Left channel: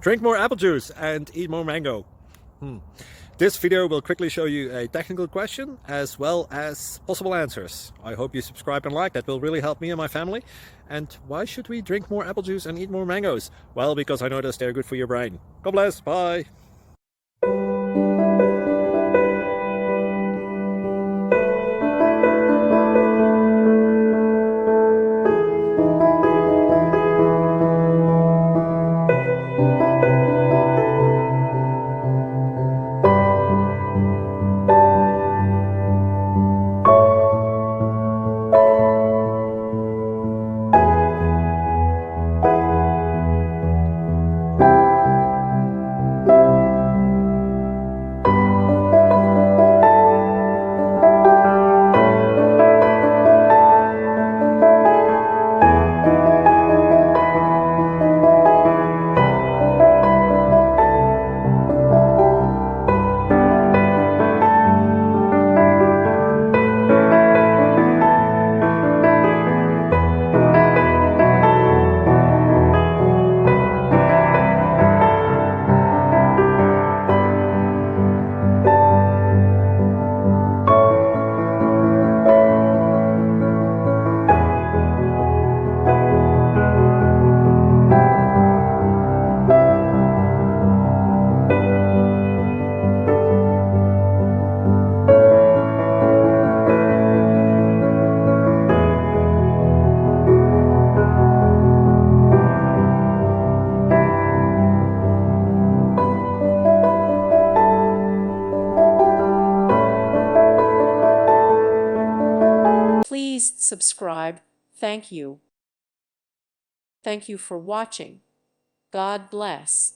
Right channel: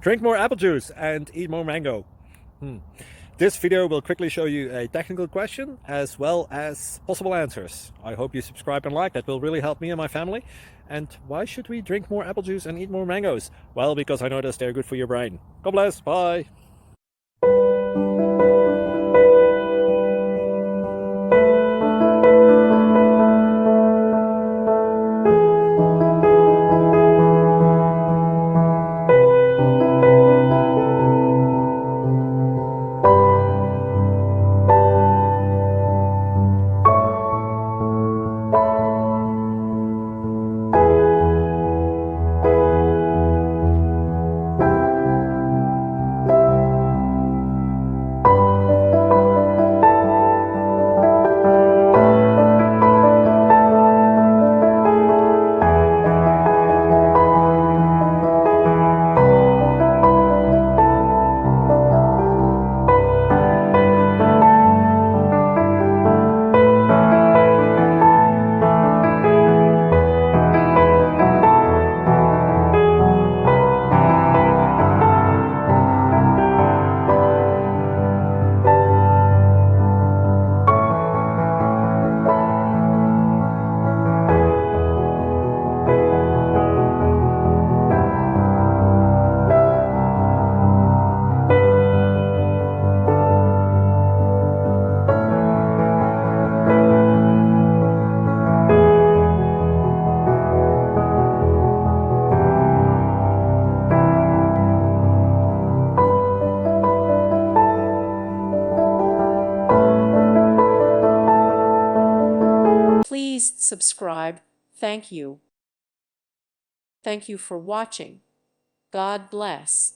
Drink more apple juice and eat more mango. This video will quickly show you a technical question as well as possible answers. I hope you subscribe and like, that will really help me and my family. And why should we drink more apple juice and eat more mangoes? Well, because I noticed they're good for your brain. God bless, bye. Please subscribe. Thank you. Thank you for watching. God bless.